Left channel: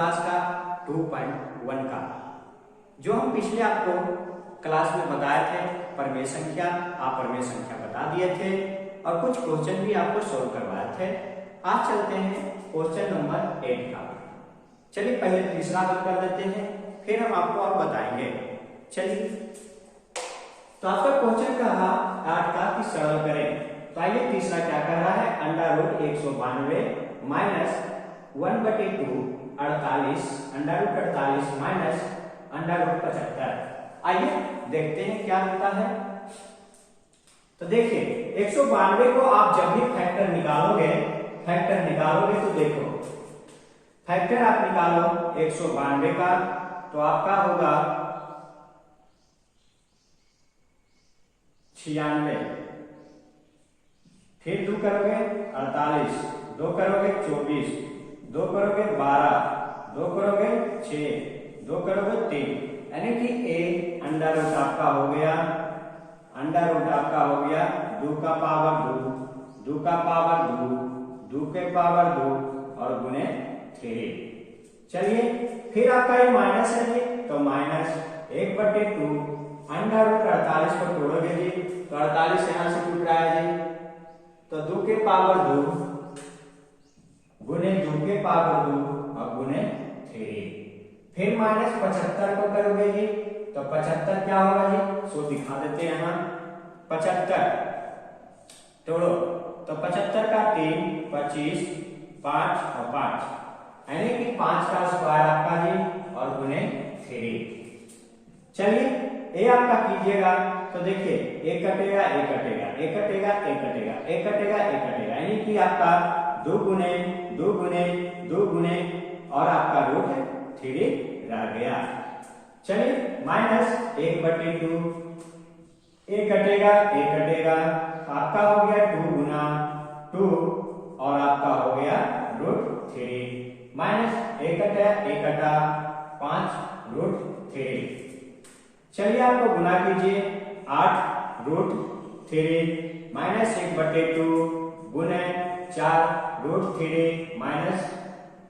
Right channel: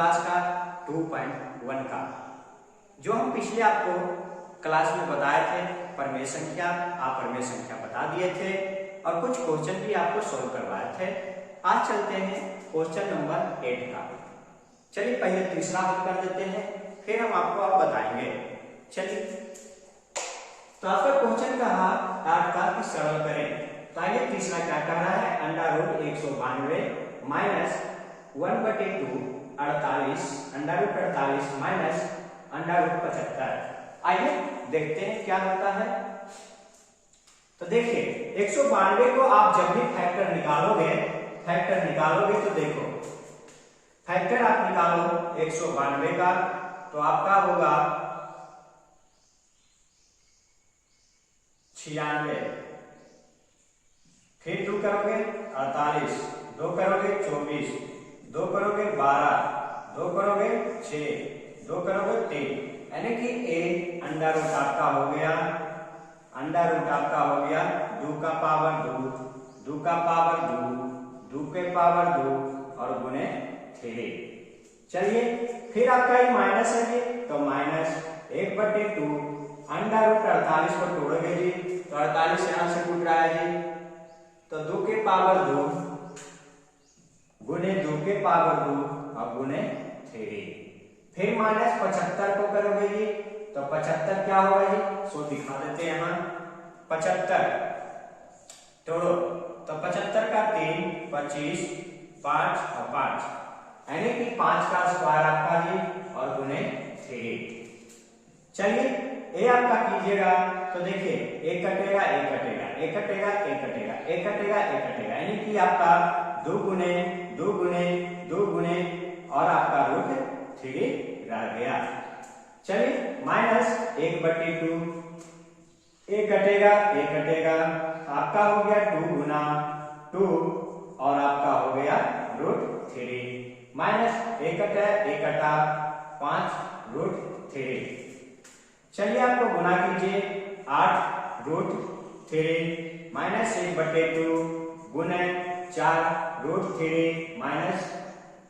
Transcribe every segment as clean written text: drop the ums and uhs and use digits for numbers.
Class का 2.1 का, जो हम पिछले आपको क्लास में बताए थे प्रमेय संख्या, आप प्रमेय संख्या बता दिए थे और कुछ क्वेश्चन भी आपको सोल्व करवाए थे। आज चलते हैं क्वेश्चन नंबर 8 का। चलिए पहले तीसरा हल कर देते हैं, फिर हम आपको और बताएंगे। चलिए तो आपका क्वेश्चन कहा 8 का कि सरल करें। तो आइए तीसरा क्या कह रहा है, under root 192 minus 1/2 48 under root 48 minus under root 75। आइए देखते हैं क्या होता है। तो देखिए 192 को आप जब भी फैक्टर निकालोगे तो देखो फैक्टर आप निकालो 192 का तो आपका होगा 96, फिर 2 करोगे 48, 2 करोगे 24, 2 करोगे 12, 2 करोगे 6, 2 करोगे 3, यानी कि एक अंडर रूट आपका हो गया, अंडर रूट आपका हो गया 2 का पावर 2, 2 का पावर 2, 2 के पावर 2 और गुने 3। चलिए फिर आपका ये माइनस है जी, तो माइनस 1/2 अंडर रूट 48 को तोड़ोगे जी तो 48 यहां से टूट रहा है जी, तो 2 के पावर 2 गुने 2 के पावर 2 और गुने 3। फिर माइनस 75 को करोगे जी तो 75 क्या होगा जी, सो दिखा देते हैं यहाँ 75 तोड़ो तो 75 का 3 25 5 और 5 यानी कि 5 का स्क्वायर आपका जी और गुने 3। चलिए ये आपका कीजिएगा तो देखिए एक कटेगा एक कटेगा एक कटेगा एक कटेगा एक कटेगा एक कटेगा, यानी कि आपका 2 गुने 2 गुने 2 गुने और आपका रूट 3 रह गया। चलिए माइनस 1/2 एक कटेगा एक कटेगा, आपका हो गया 2 गुना 2 और आपका हो गया रूट 3 माइनस एक कटा एक कटा 5 रूट 3। चलिए आपको गुना कीजिए 8 रूट 3 माइनस 1/2 गुने 4 रूट 3 माइनस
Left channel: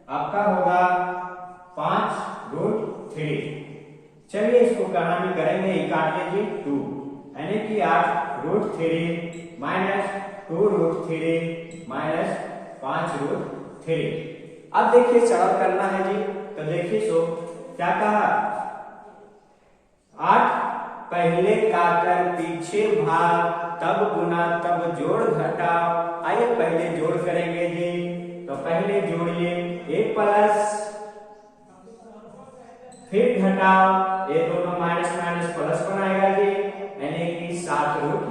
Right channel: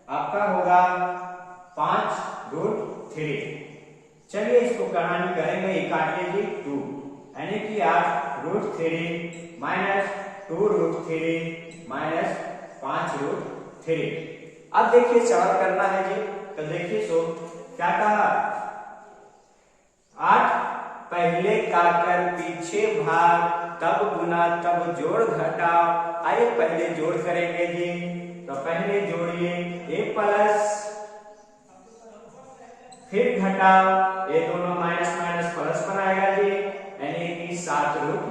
आपका होगा 5 रूट 3। चलिए इसको कहानी करेंगे, ये काटिए जी 2 यानी कि 8 root 3 minus 2 root 3 minus 5 root 3। अब देखिए सरल करना है जी, तो देखिए सो क्या कहा 8 पहले काकर पीछे भाग तब गुना तब जोड़ घटाओ। आइए पहले जोड़ करेंगे जी, तो पहले जोड़िए a प्लस फिर घटाओ, ये दोनों माइनस माइनस प्लस बनाएगा जी, यानी कि 7 रूट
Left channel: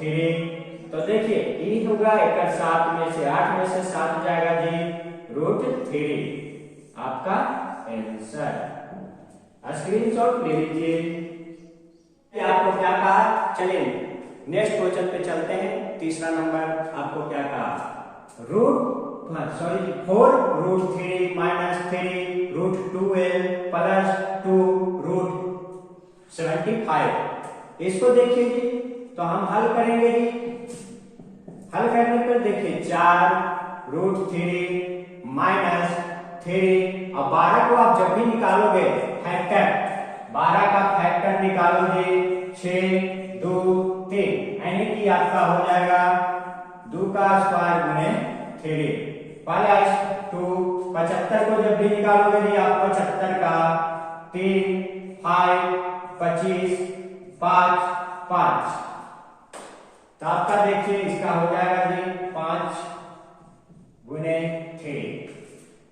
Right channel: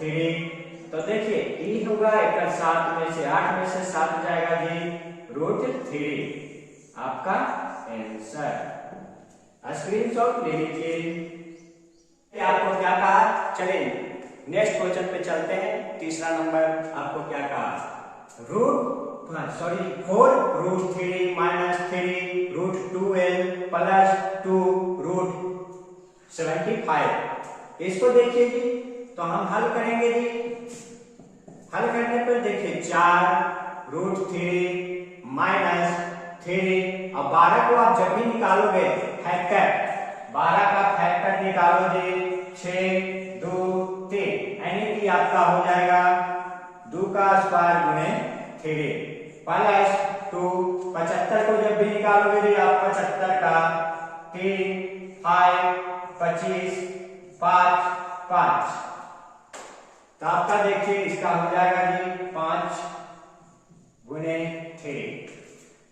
3। तो देखिए ई होगा एक 7 में से 8 में से 7 जाएगा जी रूट 3, आपका आंसर। स्क्रीनशॉट ले लीजिए। आपको क्या कहा, चलिए नेक्स्ट क्वेश्चन पे चलते हैं। तीसरा नंबर आपको क्या कहा, sorry 4 root 3 minus 3 root 2l plus 2 root 75। इसको देखिए जी, तो हम हल करेंगे जी। हल करने पर देखिए 4 रूट 3 माइनस 3 और 12 को आप जब भी निकालोगे फैक्टर, 12 का फैक्टर निकालो जी 6 2 3, यानी कि आपका हो जाएगा 2 का स्क्वायर गुने 3 प्लस 2 75 को जब भी निकालोगे जी आप 75 का 3 5 25 5 5, तो आपका देखिए इसका हो जाएगा जी 5 गुने 3।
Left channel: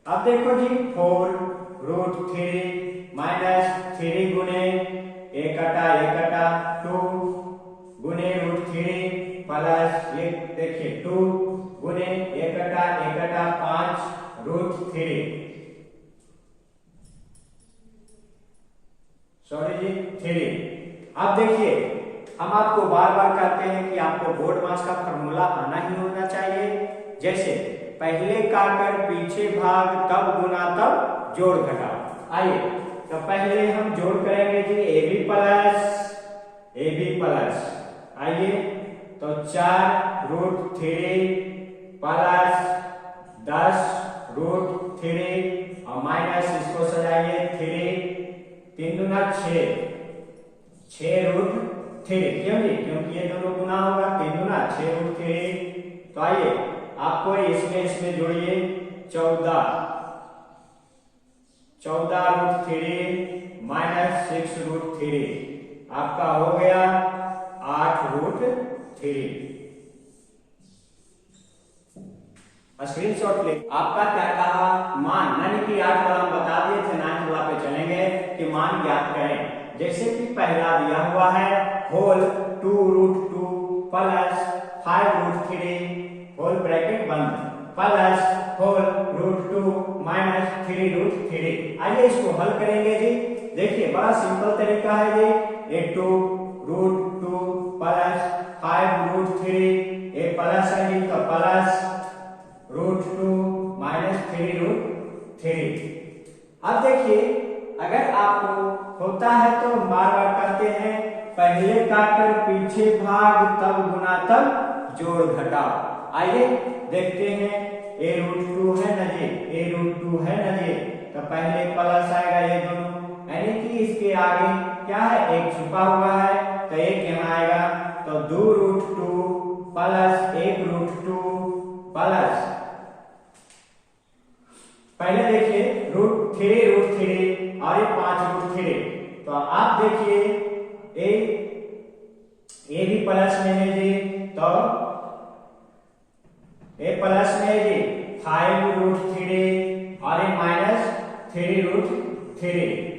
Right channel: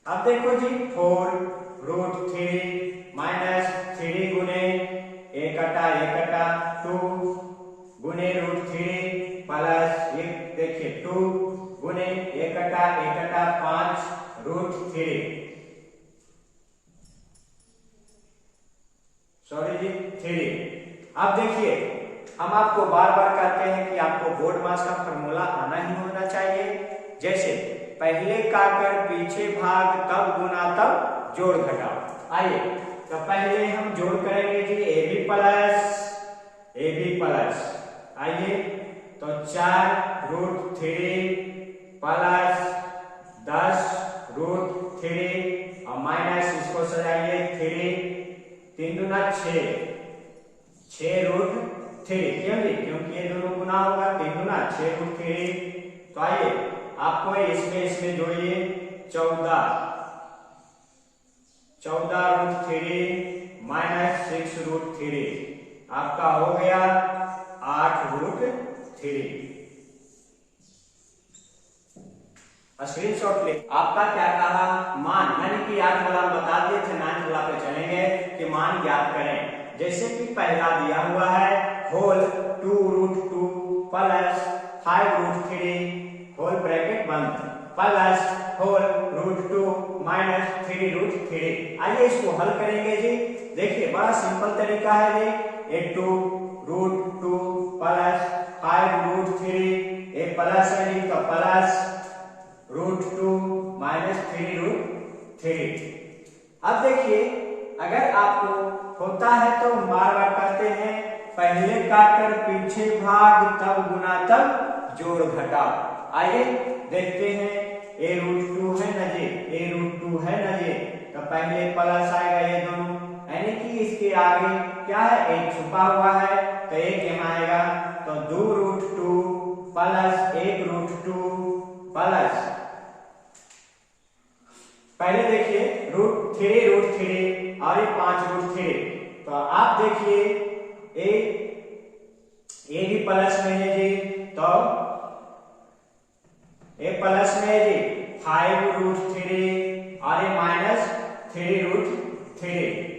अब देखो जी 4 रूट 3 माइनस 3 गुने एक कटा 2 गुने रूट 3 प्लस ये देखिए 2 गुने एक कटा 5 रूट 3, सॉरी जी 3। अब देखिए हम आपको बार बार कहते हैं कि आपको बोर्ड मास का फॉर्मूला आना ही होना चाहिए। जैसे पहले काकर पीछे भाग तब गुना तब जोड़ घटाओ। आइए तो पहले हम जोड़ करेंगे जी ए बी प्लस आइए तो 4 रूट 3 प्लस 10 रूट 3 और माइनस इसको सजाइए 3, 3 दूना 6, 6√3, क्यों जी? क्योंकि ये दोनों गुना होगा, 3 दूना 6√3। तो आइए आपको इसमें जोड़िए 14√3 माइनस 6√3, आपका हो गया 8√3। स्क्रीनशॉट ले। आपका क्या कहा? मान, यानी कि 8 वाला हम बता दिए थे, 9 वाला पे चलेंगे कि मान ज्ञात करें। जैसे कि पहला दिया हुआ है होल 2√2 प्लस 5√3 होल ब्रैकेट बंद प्लस होल √2 माइनस 3√3। आइए इसको हल करेंगे जी। देखिए बड़ा सिंपल तरीका है जी। ये 2√2 प्लस 5√3, ये प्लस है जी, तो प्लस √2 माइनस 3√3। अब देखिए अगर आपको होता है तो बार बार करते हैं, पहले काटकर पीछे भाग तब गुना तब जोड़ घटाओ। आइए देखते हैं, a√2 है ना जी, a√2 है ना जी, तो पहले प्लस आएगा ये दोनों, यानी कि इसके आगे क्या है, एक छुपा हुआ है, तो एक यहाँ आएगा, तो 2√2 प्लस 1√2 प्लस, पहले देखिए √3 और ये 5√3, तो आप देखिए ए भी प्लस में है जी, तो ए प्लस में है जी 5√3 और ये माइनस 3√3।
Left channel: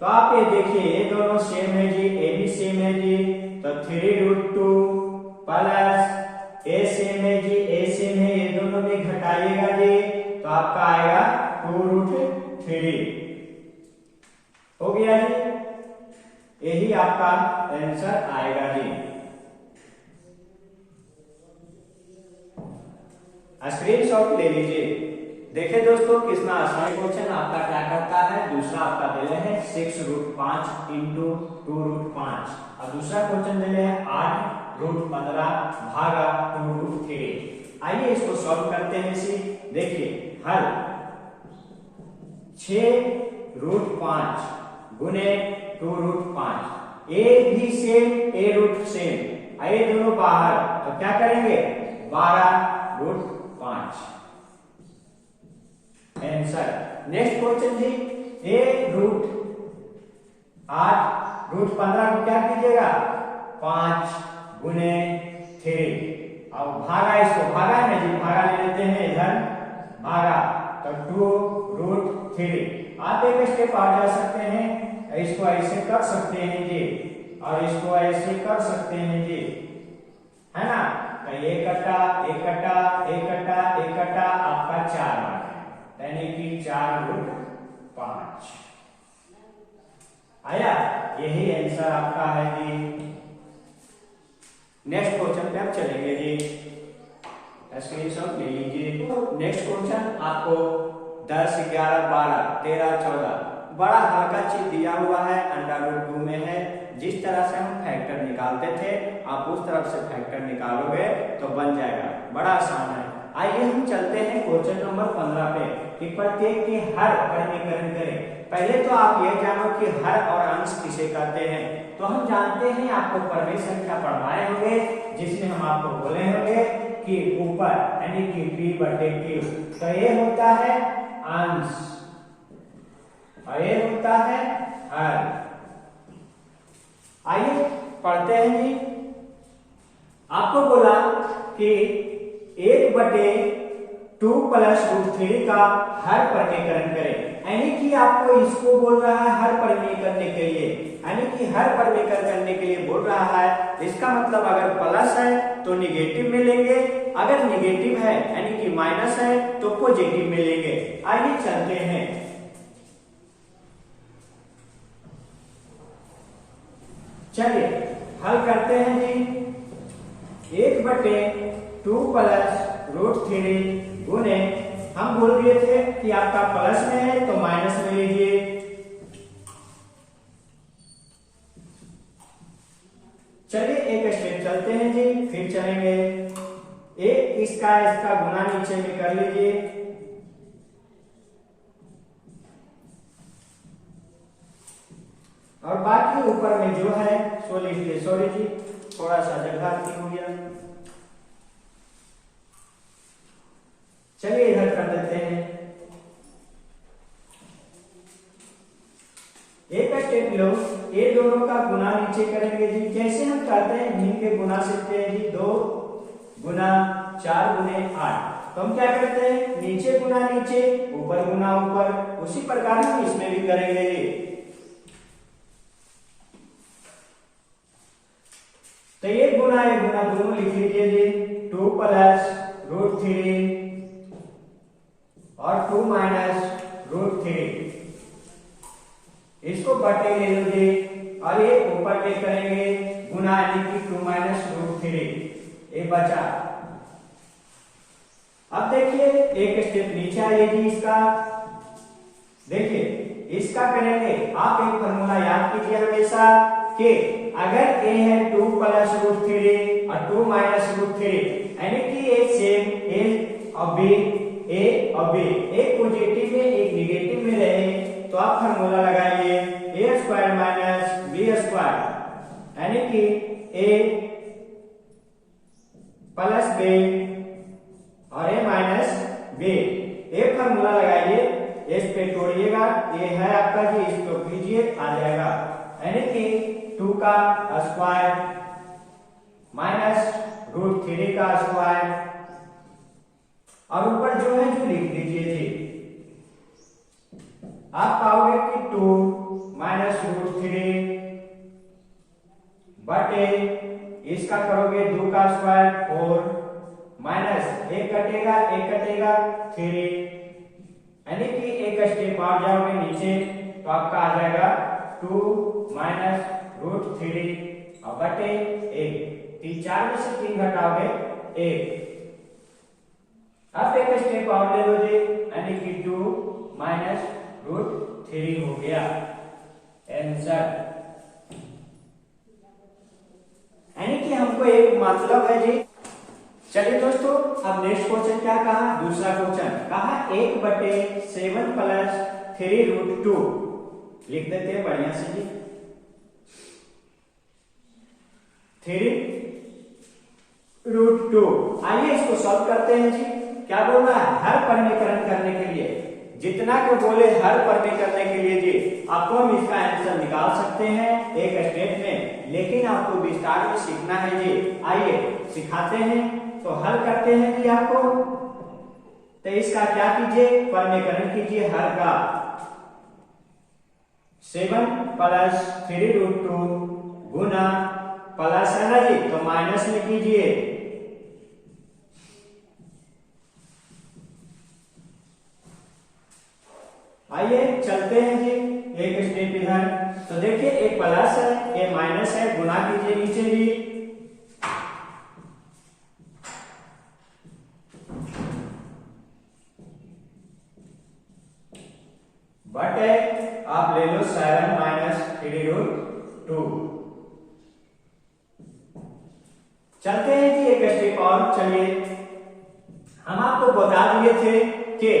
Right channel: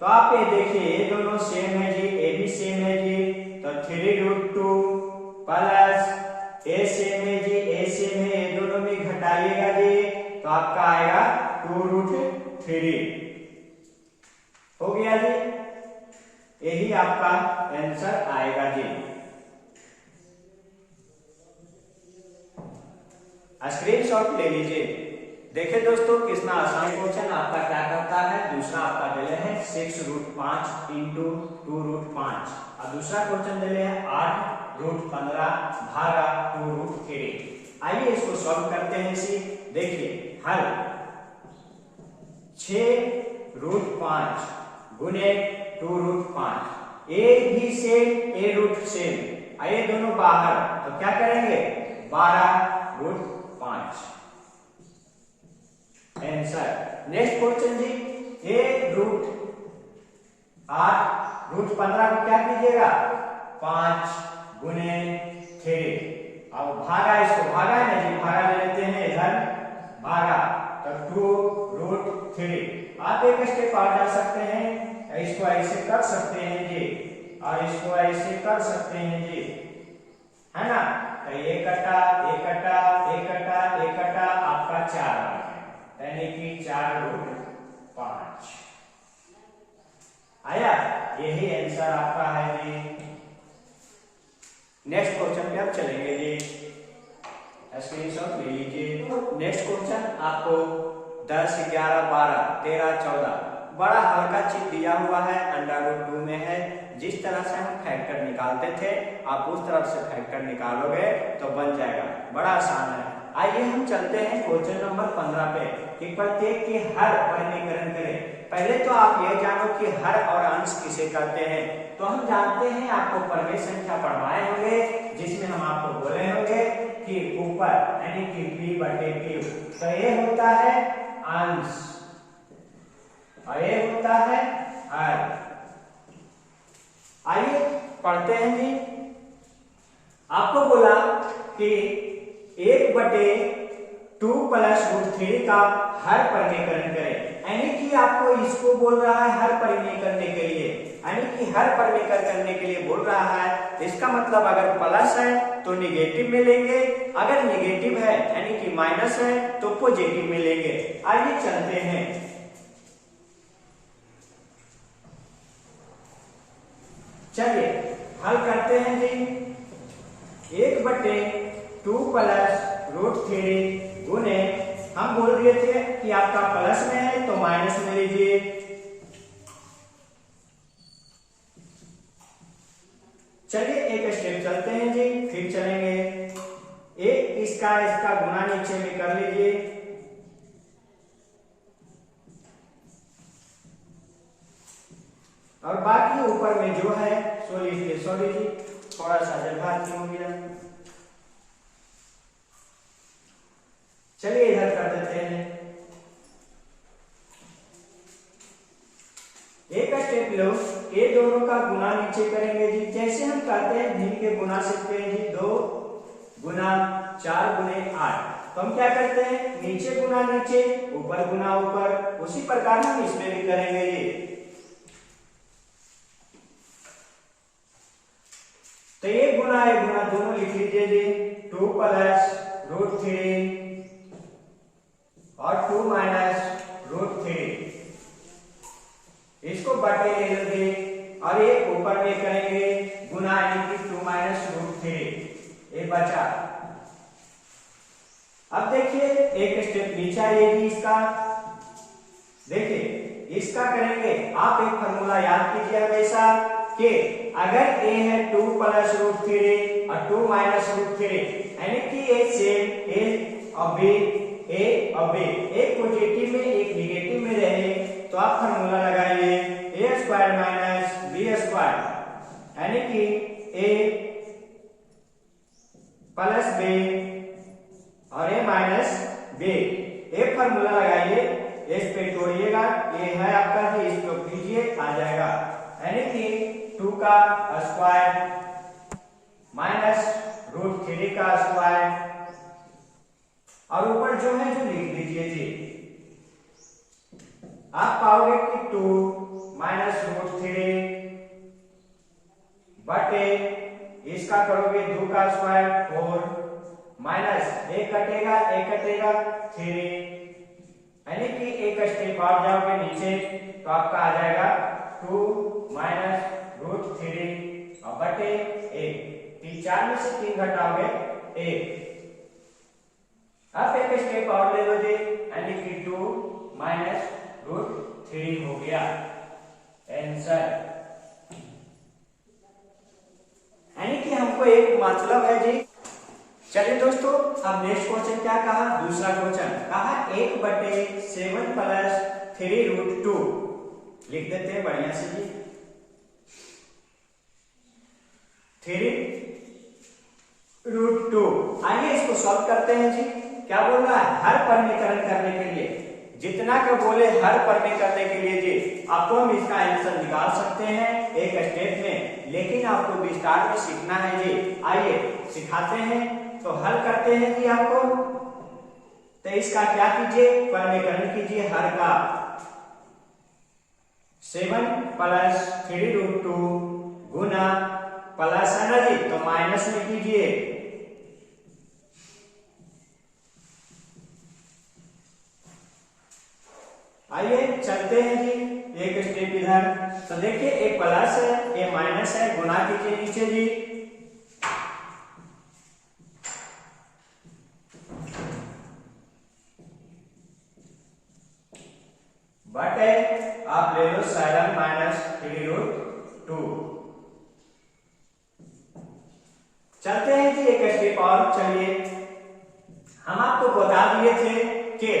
तो आप ये देखिए ये दोनों सेम है जी, ए भी सेम है जी, तो 3√2 प्लस ए सेम है जी, ए सेम है, ये दोनों में घटाइएगा जी, तो आपका आएगा 2√3 हो गया जी। यही आपका आंसर आएगा जी। स्क्रीनशॉट ले लीजिए। देखिए दोस्तों कितना आसान क्वेश्चन आपका क्या करता है। दूसरा आपका दिले है 6√5 इंटू 2√5 और दूसरा क्वेश्चन दिले है 8√15 भागा 2√3। आइए इसको सॉल्व करते हैं इसी। देखिए हल 6√5 गुने 2√5, ए भी सेम ए रूट सेम, ये दोनों बाहर, तो क्या करेंगे 12√5 आंसर। नेक्स्ट क्वेश्चन जी, a√8√15 को क्या कीजिएगा 5 गुने 3 और भागा, इसको भागा है ना जी, भागा ले लेते हैं इधर, भागा तो 2√3। आप एक स्टेप और डाल सकते हैं, इसको ऐसे कर सकते हैं जी और इसको ऐसे कर सकते हैं जी, है ना, तो एक कटा एक कटा एक कटा एक कटा, आपका 4 बार है, यानी कि 4√5 आया। यही आंसर आपका है जी। नेक्स्ट क्वेश्चन पे आप चलेंगे जी, स्क्रीनशॉट ले लीजिए। नेक्स्ट क्वेश्चन आपको 10, 11, 12, 13, 14 बड़ा हल्का चीज दिया हुआ है, √2 में है। जिस तरह से हम फैक्टर निकालते थे आप उस तरफ से फैक्टर निकालोगे तो बन जाएगा, बड़ा आसान है। आइए हम चलते हैं क्वेश्चन नंबर 15 पे कि प्रत्येक के हर परिमीकरण करें। पहले तो आप ये जानो कि हर और अंश किसे कहते हैं। तो हम जानते हैं, आपको परमेय संख्या पढ़वाए होंगे जिसमें हम आपको बोले होंगे कि ऊपर यानी कि p/q, तो ये होता है अंश और ये होता है हर। आइए पढ़ते हैं जी। आपको बोला कि 1/2 प्लस √3 का हर परिमेयकरण करें, यानी कि आपको इसको बोल रहा है हर परिमेय करने के लिए, यानी कि हर परिमेयकरण करने के लिए बोल रहा है। इसका मतलब अगर प्लस है तो निगेटिव में लेंगे, अगर निगेटिव है यानी कि माइनस है तो पॉजिटिव में लेंगे। आइए चलते हैं, चलिए हल करते हैं जी। 1/2 प्लस √3 गुने, हम बोल दिए थे कि आपका प्लस में है तो माइनस में लीजिए, चलिए एक स्टेप चलते हैं जी, फिर चलेंगे। एक इसका गुना नीचे में कर लीजिए, और बाकी ऊपर में जो है सो लिखिए। सॉरी जी, थोड़ा सा जगह हो गया। चलिए इधर कर देते हैं। एक स्टेप लो, ये दोनों का गुना नीचे करेंगे जी। जैसे हम कहते हैं भिन्न के गुना सीखते हैं जी, 2 गुना 4 गुने 8। तो हम क्या करते हैं, नीचे गुना नीचे, ऊपर गुना ऊपर। उसी प्रकार हम इसमें भी करेंगे जी। तो ये गुना दोनों लिख लीजिए जी। 2 प्लस रूट 3 और 2 माइनस रूट 3, इसको बटे ले लोगे और ये ऊपर में करेंगे गुना, यानी कि 2 माइनस रूट 3, ये बचा। अब देखिए एक स्टेप नीचे आएगी इसका। देखिए इसका करेंगे, आप एक फॉर्मूला याद कीजिए हमेशा कि अगर a है 2 प्लस रूट 3 और 2 माइनस रूट 3, यानी कि ये सेम a और b, एक पॉजिटिव में एक निगेटिव में रहे तो आप फॉर्मूला लगाइए a square minus b square, यानी कि a प्लस b और a माइनस b। एक फॉर्मूला लगाइए, इस पे तोड़िएगा, ये है आपका जी, इसको कीजिए आ जाएगा, यानी कि 2 का स्क्वायर माइनस रूट 3 का स्क्वायर, और ऊपर जो है जो लिख दीजिए जी। आप पाओगे कि 2 माइनस रूट 3 बटे इसका करोगे 2 का स्क्वायर 4 माइनस एक कटेगा 3, यानी कि एक स्टेप और जाओगे नीचे तो आपका आ जाएगा 2 माइनस रूट 3 और बटे 1। 4 में से 3 घटाओगे 1। अब एक स्टेप और ले लो जी, यानी कि 2 माइनस रूट 3 हो गया आंसर। यानी कि हमको एक मतलब है जी। चलिए दोस्तों, अब नेक्स्ट क्वेश्चन क्या कहा, दूसरा क्वेश्चन कहा 1/7 प्लस 3 रूट 2। लिख देते हैं बढ़िया से जी। 3 रूट 2। आइए इसको सॉल्व करते हैं जी। क्या बोल रहा है, हर परिमीकरण करने के लिए, जितना को बोले हर परिमीकरण करने के लिए जी, आपको हम इसका आंसर निकाल सकते हैं एक स्टेप में, लेकिन आपको विस्तार में सीखना है जी। आइए सिखाते हैं, तो हल करते हैं जी आपको। तो इसका क्या कीजिए, परिमीकरण कीजिए हर का। 7 प्लस 3 रूट 2 गुना प्लस है ना जी, तो माइनस में कीजिए। आइए चलते हैं जी एक स्टेप इधर। तो देखिए एक प्लस है, ये माइनस है, गुना कीजिए नीचे जी। बटे आप ले लो 7 माइनस 3 रूट 2। चलते हैं जी एक स्टेप और। चलिए हम आपको बता दिए थे कि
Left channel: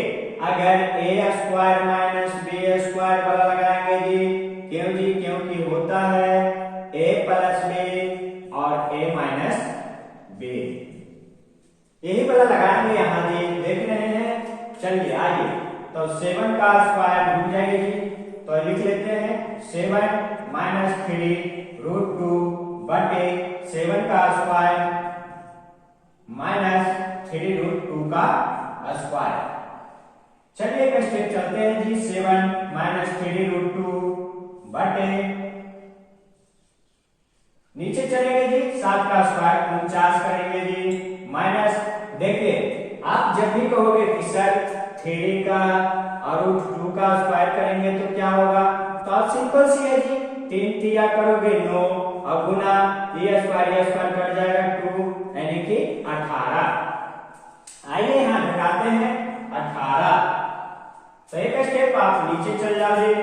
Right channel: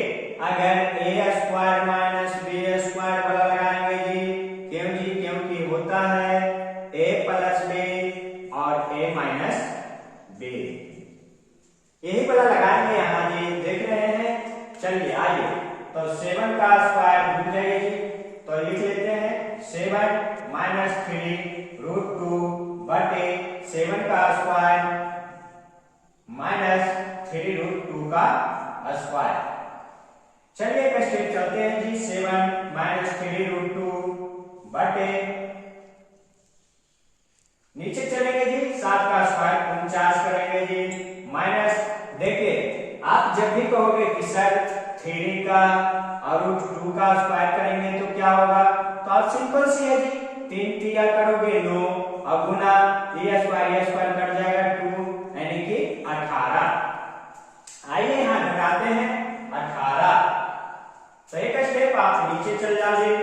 अगर a square minus b square वाला लगाएंगे जी, क्यों जी, क्योंकि होता है a प्लस b और a माइनस b, यही वाला लगाएंगे यहाँ जी, देख रहे हैं। चलिए आइए, तो 7 का स्क्वायर भूल जाइए जी, तो लिख लेते हैं 7 माइनस 3 रूट 2 बटे 7 का स्क्वायर माइनस 3 रूट 2 का स्क्वायर। चलिए एक स्टेप चलते हैं जी। 7 माइनस 3 रूट 2 बटे, नीचे चलेंगे जी, 7 का स्क्वायर 49 करेंगे जी, माइनस। देखिए आप जब भी कहोगे कि सर 3 का और रूट 2 का स्क्वायर करेंगे तो क्या होगा, तो आप सिंपल सी है जी, 3 3 करोगे 9 और गुना ये स्क्वायर कट जाएगा 2, यानी कि 18। आइए यहाँ घटाते हैं 18। तो एक स्टेप आप नीचे चल जाओगे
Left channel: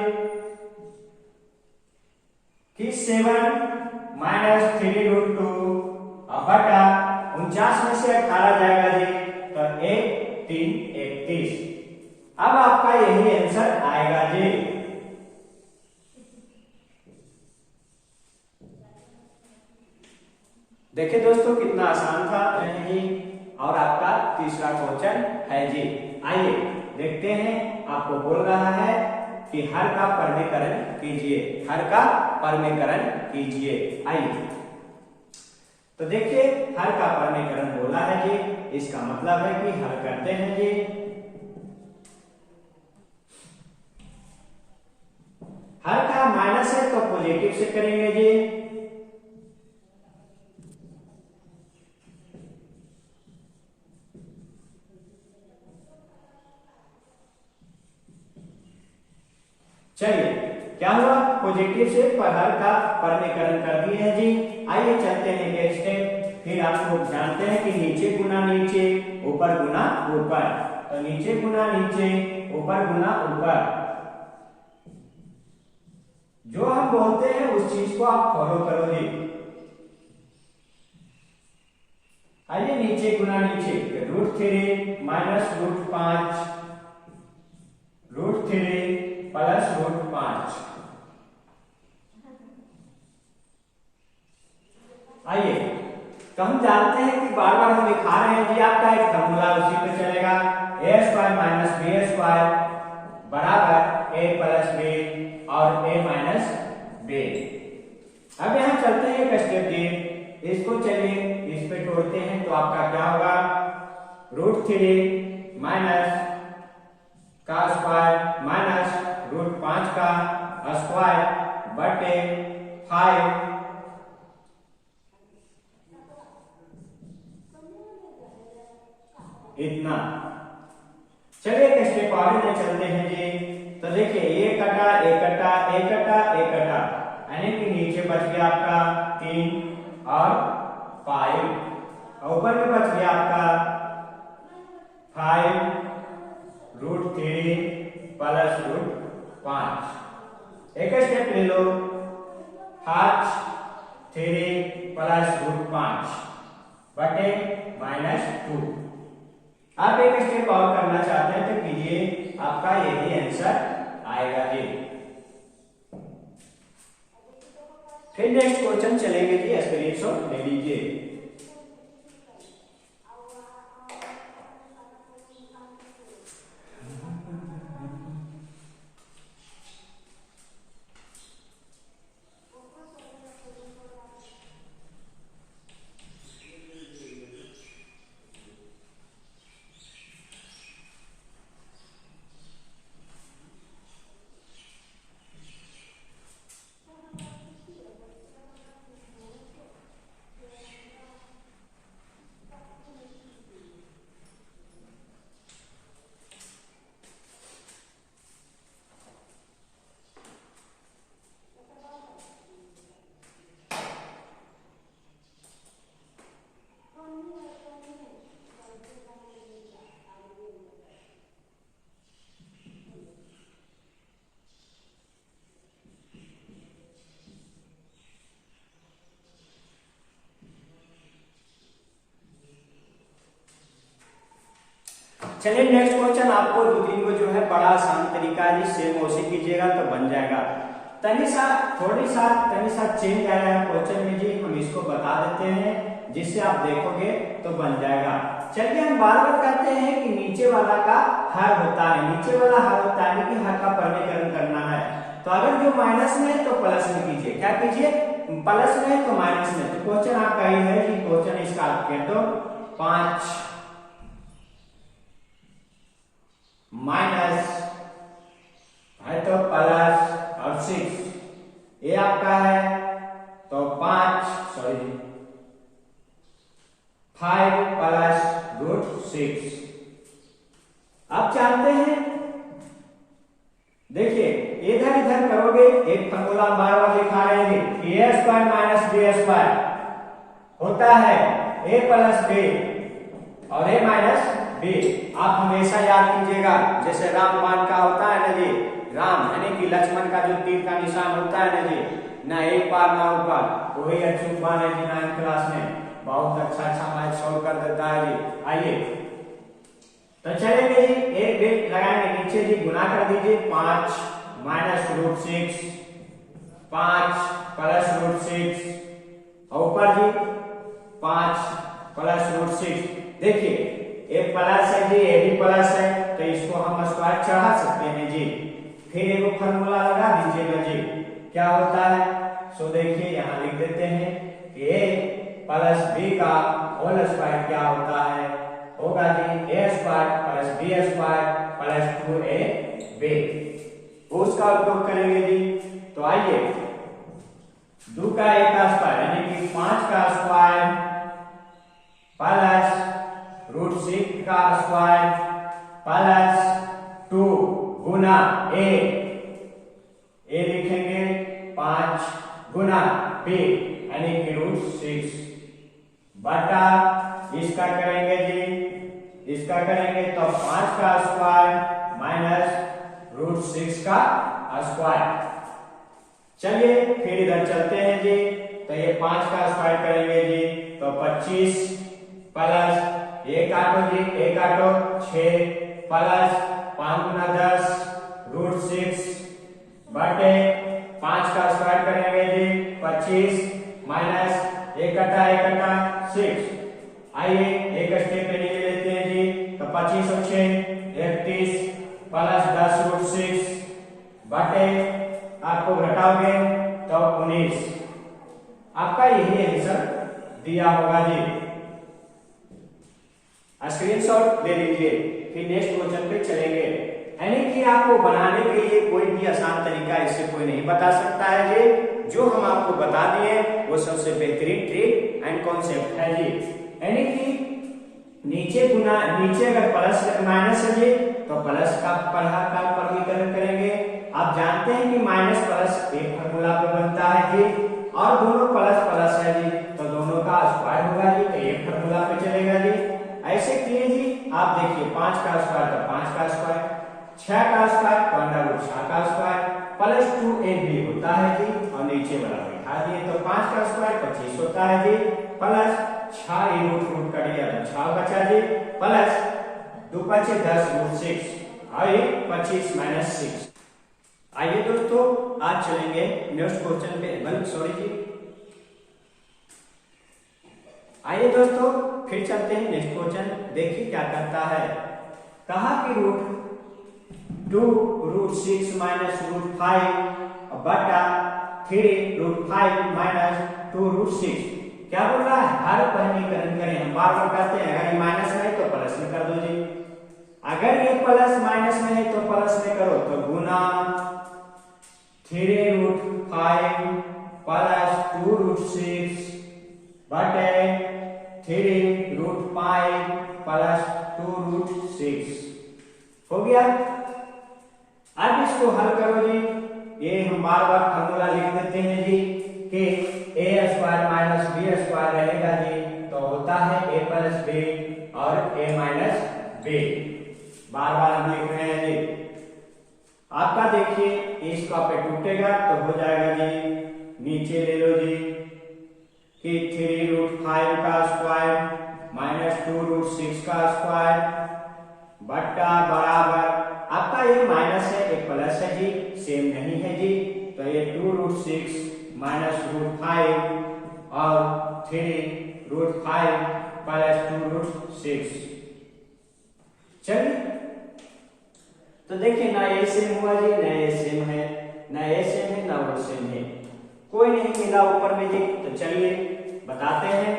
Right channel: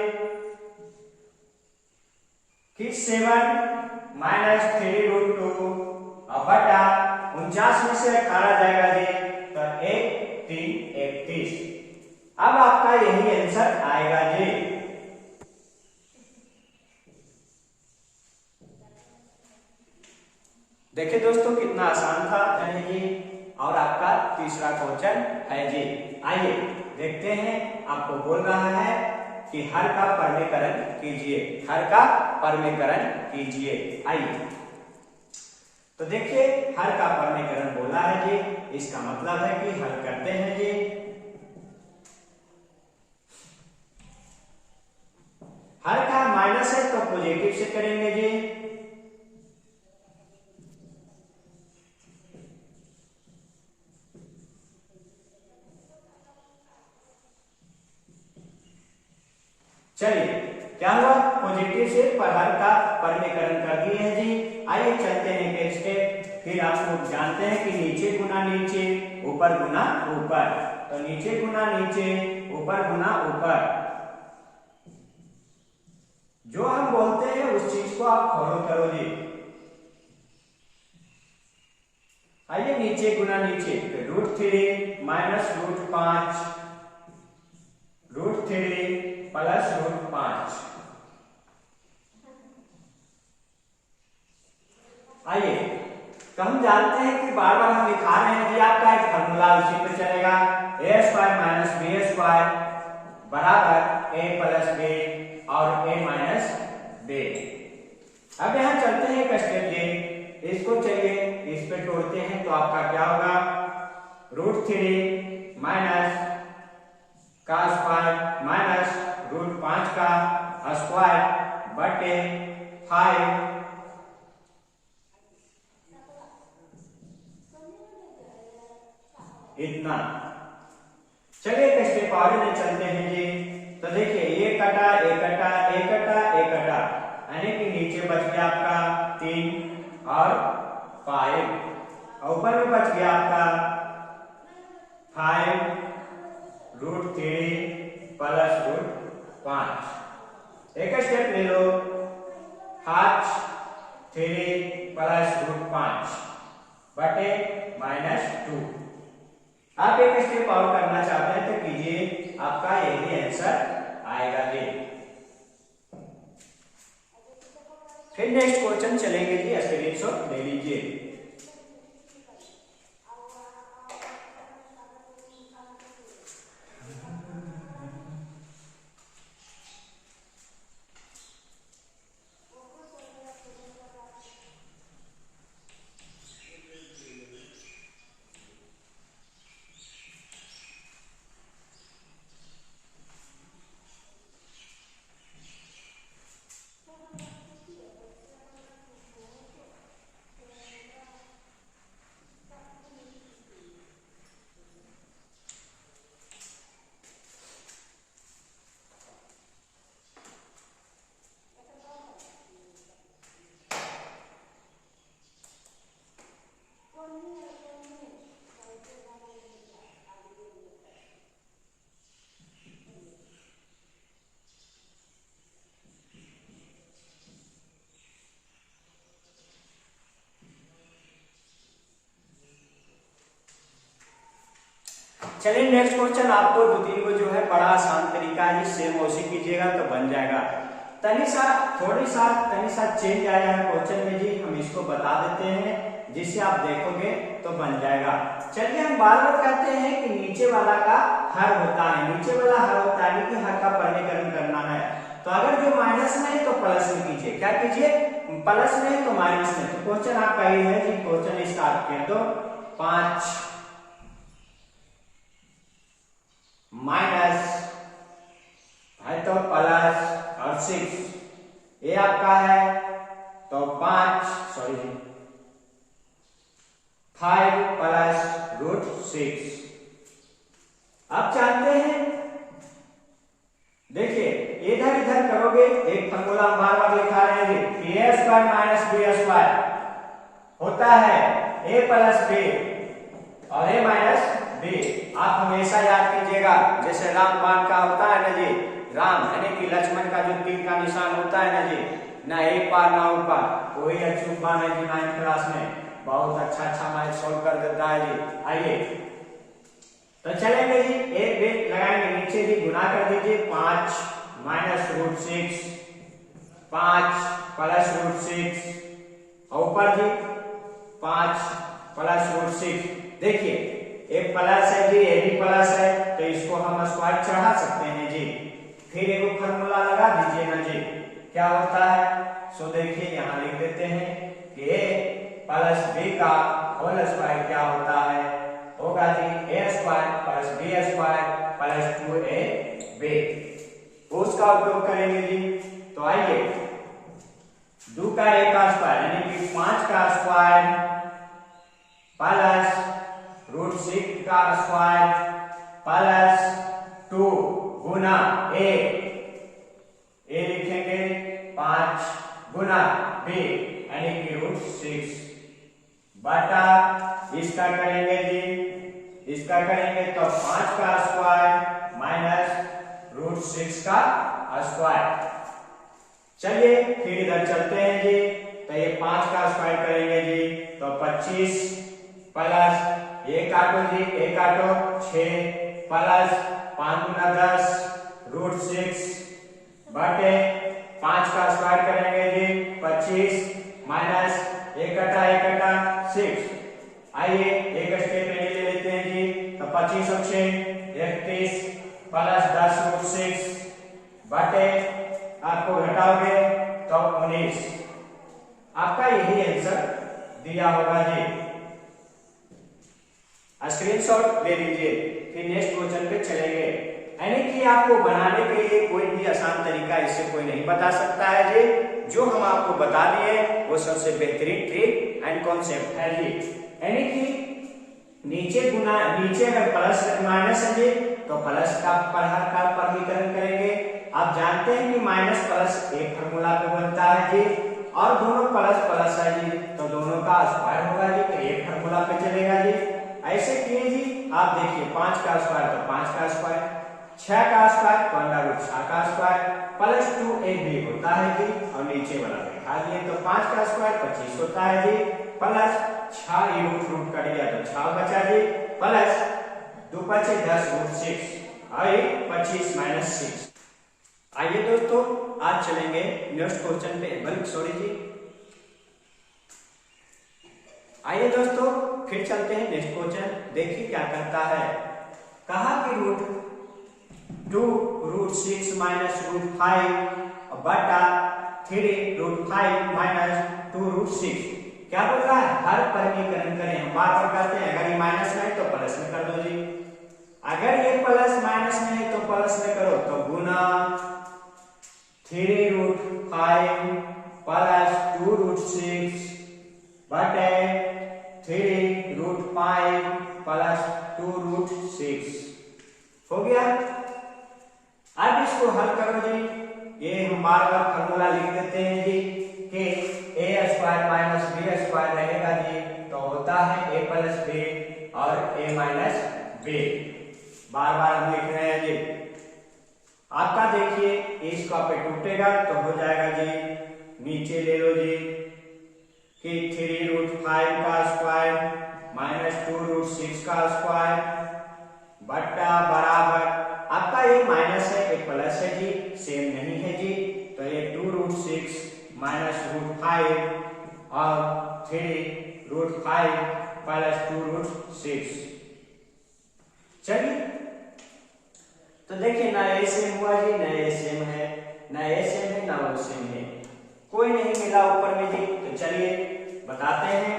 कि 7 माइनस 3 रूट 2 बटा 49 में से 18 जाएगा जी, तो 1 3 31। अब आपका यही आंसर आएगा जी। देखिए दोस्तों कितना आसान था यानी कि, और आपका तीसरा क्वेश्चन है जी। आइए देखते हैं, आपको बोल रहा है कि हर का परमीकरण कीजिए, हर का परमीकरण कीजिए। आइए तो देखिए हर का परमीकरण बोला है जी, इसका मतलब है कि हल करते हैं जी। हर का माइनस है तो पॉजिटिव से करेंगे जी। चलिए क्या हुआ, पॉजिटिव से पर हर का परमीकरण कर दिए हैं जी। आइए चलते हैं नेक्स्ट स्टेप। फिर आप लोग जानते हैं कि नीचे गुना नीचे, ऊपर गुना ऊपर, तो नीचे गुना नीचे, ऊपर गुना ऊपर, जो हम बोलते हैं उस चीज को आप फॉलो करो जी। आइए नीचे गुना नीचे, √3 माइनस √5, √3 प्लस √5। आइए तो हम जानते हैं कि बार बार हम दिखा रहे हैं जी, आपका एक फॉर्मूला उसी पे चलेगा, a² माइनस b² बराबर a प्लस b और a माइनस b। अब यहाँ चलते हैं एक स्टेप जी, इसको चलिए इस पे तोड़ते हैं तो आपका क्या होगा, √3 माइनस का स्क्वायर माइनस √5 का स्क्वायर बटे 5 इतना। चलिए एक स्टेप आगे चलते हैं जी। तो देखिए ये कटा, एक कटा, एक कटा, एक कटा, यानी कि नीचे बच गया आपका 3 और 5, और ऊपर में बच गया आपका 5 √3 प्लस √5। एक स्टेप ले लो, 3 प्लस √5 बटे -2। आप एक स्टेप और करना चाहते हैं तो कीजिए, आपका यही आंसर आएगा जी। फिर नेक्स्ट क्वेश्चन चलेंगे जी, स्क्रीनशॉट ले लीजिए। चलिए नेक्स्ट क्वेश्चन, आपको 2-3 को जो है बड़ा आसान तरीका है, सेम उसी कीजिएगा तो बन जाएगा। तनी सा चेंज आएगा क्वेश्चन में जी, हम इसको बता देते हैं जिससे आप देखोगे तो बन जाएगा। चलिए हम बार बार कहते हैं कि नीचे वाला का हर होता है, नीचे वाला हर होता है कि हर का परमीकरण करना है। तो अगर जो माइनस में है तो प्लस में कीजिए, क्या कीजिए, प्लस में है तो माइनस में। तो क्वेश्चन आपका ये है जी, क्वेश्चन स्टार्ट कर दो, 5 माइनस है तो प्लस और 6, ये आपका है तो 5 प्लस √6। आप जानते हैं, देखिए इधर इधर करोगे, एक फॉर्मूला बार बार दिखा रहे हैं कि a² माइनस b² होता है a प्लस b और a माइनस b। आप हमेशा याद कीजिएगा, जैसे रामबाण का होता है ना जी, राम यानी कि लक्ष्मण का जो तीर का निशान होता है ना जी, ना एक पार ना उस पार, वही अचूक बाण है जी 9th क्लास में, बहुत अच्छा मैथ सॉल्व कर देता है जी। आइए तो चलेंगे जी, एक ब्रेक लगाएंगे, नीचे जी गुना कर दीजिए, 5 माइनस √6, 5 प्लस √6, और ऊपर जी 5 प्लस रूट 6। देखिए एक प्लस है जी, ये भी प्लस है, तो इसको हम स्क्वायर चढ़ा सकते हैं जी। फिर एक फॉर्मूला लगा दीजिएगा जी, क्या होता है। सो देखिए यहाँ लिख देते हैं कि a प्लस b का होल स्क्वायर क्या होता है, होगा जी a square plus b square plus 2ab। उसका उपयोग करेंगे जी। तो आइए 2 का a का स्क्वायर यानी कि 5 का स्क्वायर प्लस रूट 6 का स्क्वायर प्लस 2 गुना a लिखेंगे 5 गुना b यानी कि रूट 6 बटा इसका करेंगे जी, इसका करेंगे तो 5 का स्क्वायर माइनस रूट 6 का स्क्वायर। चलिए फिर इधर चलते हैं जी। तो ये 5 का स्क्वायर करेंगे जी तो 25 प्लस ये काटो जी, ये काटो 6 प्लस 5 गुना 10 रूट 6 बटे 5 का स्क्वायर करेंगे जी 25 माइनस एक कटा 6। आइए एक स्टेप ले लेते हैं जी। तो 25 और 6 31 प्लस 10 रूट 6 बटे आपको घटाओगे तो 19। आपका यही आंसर दिया होगा जी। स्क्रीनशॉट ले लीजिए, फिर नेक्स्ट क्वेश्चन पे चलेंगे। यानी कि आपको बनाने के लिए कोई भी आसान तरीका इससे कोई नहीं बता सकता है जी। जो हम आपको बता दिए वो सबसे बेहतरीन ट्रिक एंड कॉन्सेप्ट है जी। यानी कि नीचे अगर प्लस माइनस है जी तो प्लस का वर्गीकरण करेंगे। आप जानते हैं कि माइनस प्लस एक फार्मूला पे बनता है जी, और दोनों प्लस प्लस है जी तो दोनों का स्क्वायर होगा जी, तो एक फार्मूला पे चलेगा जी। ऐसे किए जी। आप देखिए 5 का स्क्वायर तो 5 का स्क्वायर, 6 का स्क्वायर तो अंडर रूट 6 का स्क्वायर प्लस 2ab होता है जी, और नीचे वाला बैठा दिए तो 5 का स्क्वायर 25 होता है जी, प्लस 6 रूट कट गया तो 6 बचा जी, प्लस 2 5 10 रूट 6 और 25 माइनस 6। आइए दोस्तों आज चलेंगे नेक्स्ट क्वेश्चन पे। आइए दोस्तों फिर चलते हैं नेक्स्ट क्वेश्चन। देखिए क्या करता है। कहा कि रूट 2 रूट 6 माइनस रूट 5 बटा 3 रूट 5 माइनस 2 रूट 6। क्या बोल रहा है, हर वर्गीकरण करें। हम बार बार करते हैं, अगर ये माइनस में है तो प्लस में कर दो जी, अगर ये प्लस माइनस में है तो प्लस में करो। तो गुना 3 रूट 5 प्लस 2 रूट 6 बटे 3 रूट 5 प्लस 2 रूट 6 हो गया। अब इसको हल करो जी। ये हम बार बार फार्मूला लिख देते हैं जी कि a square minus b square रहेगा जी, तो होता है a प्लस b और a माइनस b। बार बार हम लिख रहे हैं जी। आपका देखिए इसका पे टूटेगा तो हो जाएगा जी, नीचे ले लो जी कि 3 रूट 5 का स्क्वायर माइनस 2 रूट 6 का स्क्वायर बट्टा बराबर, आपका ये माइनस है ये प्लस है जी, सेम नहीं है जी, तो ये 2 रूट 6 माइनस रूट 5 और 3 रूट 5 प्लस 2 रूट 6। चलिए तो देखिए ना ये सेम हुआ जी, ना ये सेम है, ना ये सेम है, ना वो सेम है, कोई नहीं मिला ऊपर में जी। तो चलिए बताते हैं।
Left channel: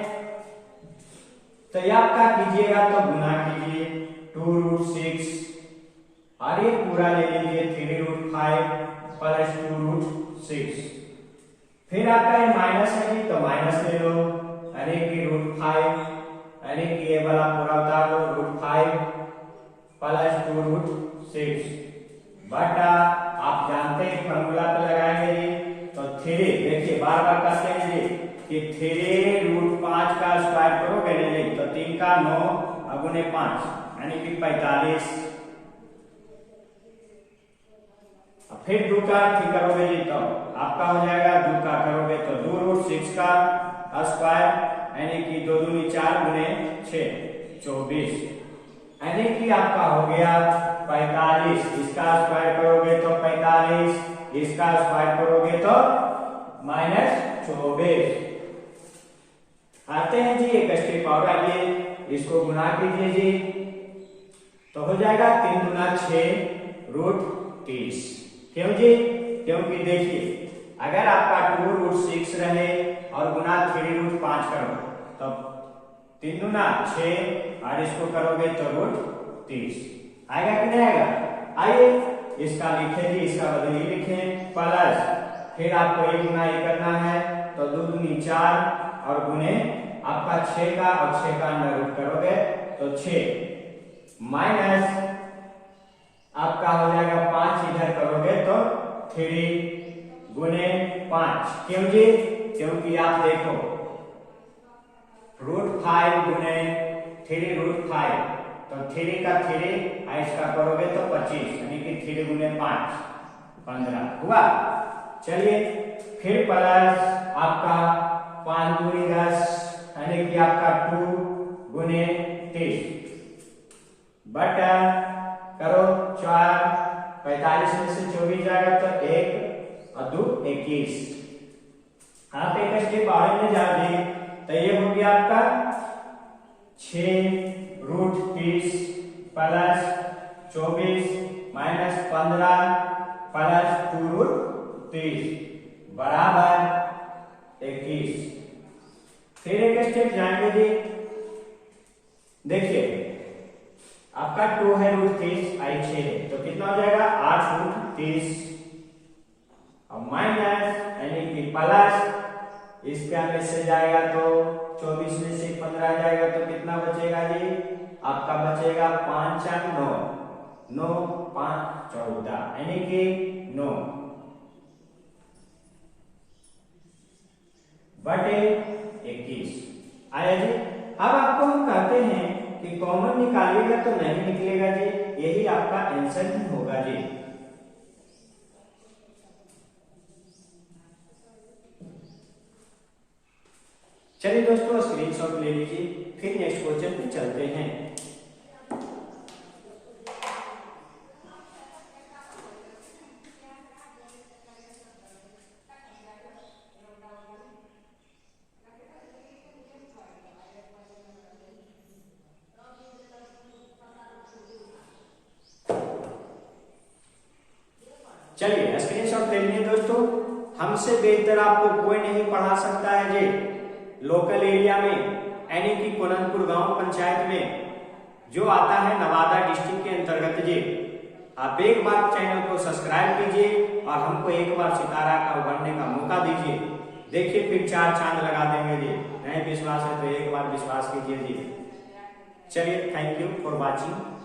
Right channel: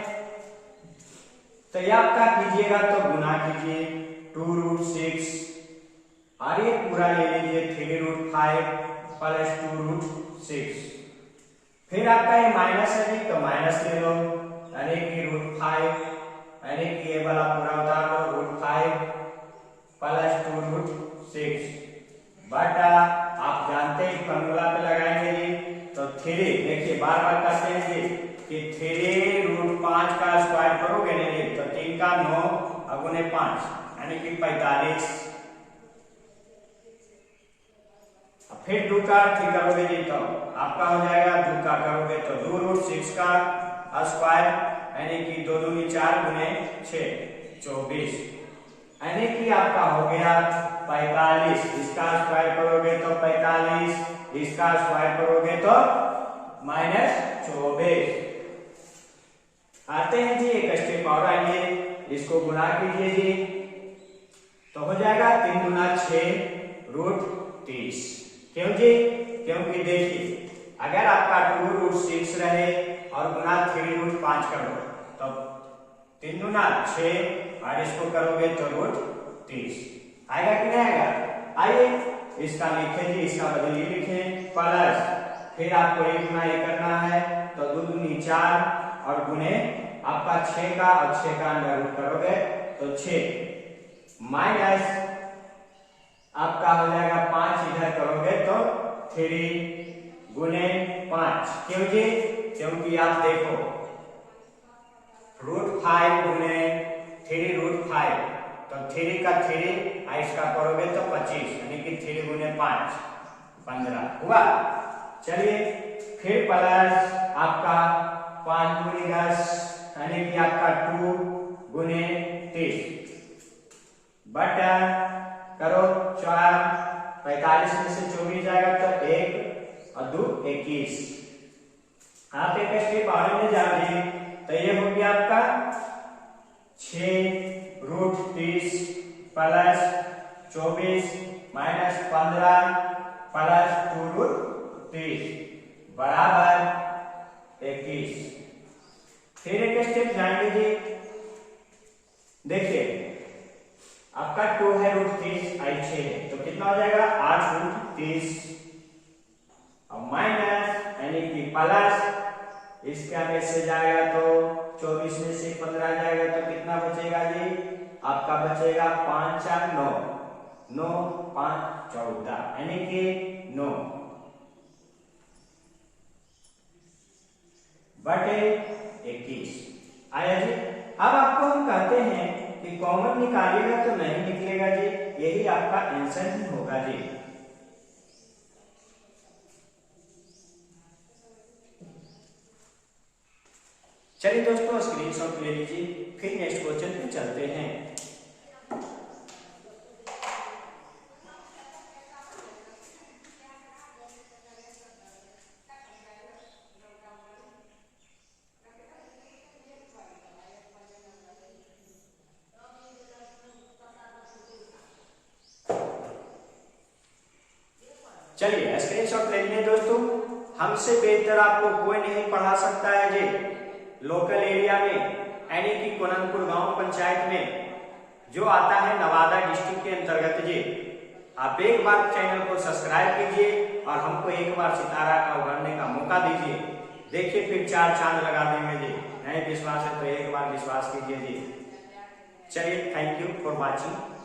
तो ये आपका कीजिएगा तो गुना कीजिए 2 रूट 6 और ये पूरा ले लीजिए 3 रूट 5 प्लस 2 रूट 6। फिर आपका ये माइनस है जी, तो माइनस ले लो, अरे की रूट 5, अरे की ये वाला पूरा उतार लो, रूट 5 प्लस 2 रूट 6 बटा, आप जानते हैं फॉर्मूला पे लगाएंगे जी, तो 3, देखिए बार बार करते हैं जी कि 3 रूट 5 का स्क्वायर करोगे ना जी, तो 3 का 9 अगुने 5 यानी कि 45। फिर 2 का 3 करोगे जी तो आपका हो जाएगा, 2 का करोगे तो 2 रूट 6 का स्क्वायर यानी कि 2 दूनी 4 गुने 6 24 यानी कि आपका हो गया 45। इसका स्क्वायर करोगे तो 45, इसका स्क्वायर करोगे तो माइनस 24। आते हैं जी एक स्टेप और, आइए इसको गुना कीजिए जी, तो हो जाएगा 3 गुना 6 रूट 30। क्यों जी? क्योंकि देखिए अगर आपका 2 रूट 6 रहे और गुना 3 रूट 5 करो तो 3 गुना 6 और इसको करोगे तो रूट 30 आएगा कि नहीं आएगा? आइए इसका लिखें जी, इसका बदली लिखें प्लस, फिर आपको 1 गुना 1 करना है तो 2 दूनी 4 और गुने आपका 6 का और 6 का अंडर रूट करोगे तो 6 माइनस आपका हो जाएगा 5, इधर करोगे तो 3 गुने 5। क्यों जी? क्योंकि आप देखो रूट 5 गुने 3 रूट 5 तो 3 का 3 और इसका करोगे तो 25, यानी कि 3 गुने 5 15 हुआ। चलिए फिर प्लस आपका 5 गुनी 10 यानी कि आपका 2 गुने 30 बटा करो 4, 45 में से 24 जाएगा तो 1 और 2 21। आप एक स्टेप और में जाओगे तो ये हो गया आपका 6 root 30 plus 24 minus 15 plus 2 root 30 बराबर 21। फिर एक स्टेप जाएंगे जी, देखिए आपका 2 है रूट 30 आई 6 है तो कितना हो जाएगा 8 रूट 30 और माइनस यानी कि प्लस इसका में से जाएगा तो 24 में से 15 जाएगा तो कितना बचेगा जी? आपका बचेगा 5 4 9 9 5 14 यानी कि 9 बटे 21 आया जी। अब आपको हम कहते हैं कि कॉमन निकालिएगा तो नहीं निकलेगा जी, यही आपका आंसर ही होगा जी। चलिए दोस्तों स्क्रीनशॉट ले लीजिए, फिर नेक्स्ट क्वेश्चन पे चलते हैं। चलिए स्क्रीनशॉट ले लिए दोस्तों, हमसे बेहतर आपको कोई नहीं पढ़ा सकता है जी लोकल एरिया में, यानी कि कोननपुर गांव पंचायत में जो आता है नवादा डिस्ट्रिक्ट के अंतर्गत जी। आप एक बार चैनल को सब्सक्राइब कीजिए और हमको एक बार सितारा का उभरने का मौका दीजिए, देखिए फिर 4 चांद लगा देंगे जी। नहीं विश्वास है तो एक बार विश्वास कीजिए जी। चलिए थैंक यू फॉर वॉचिंग।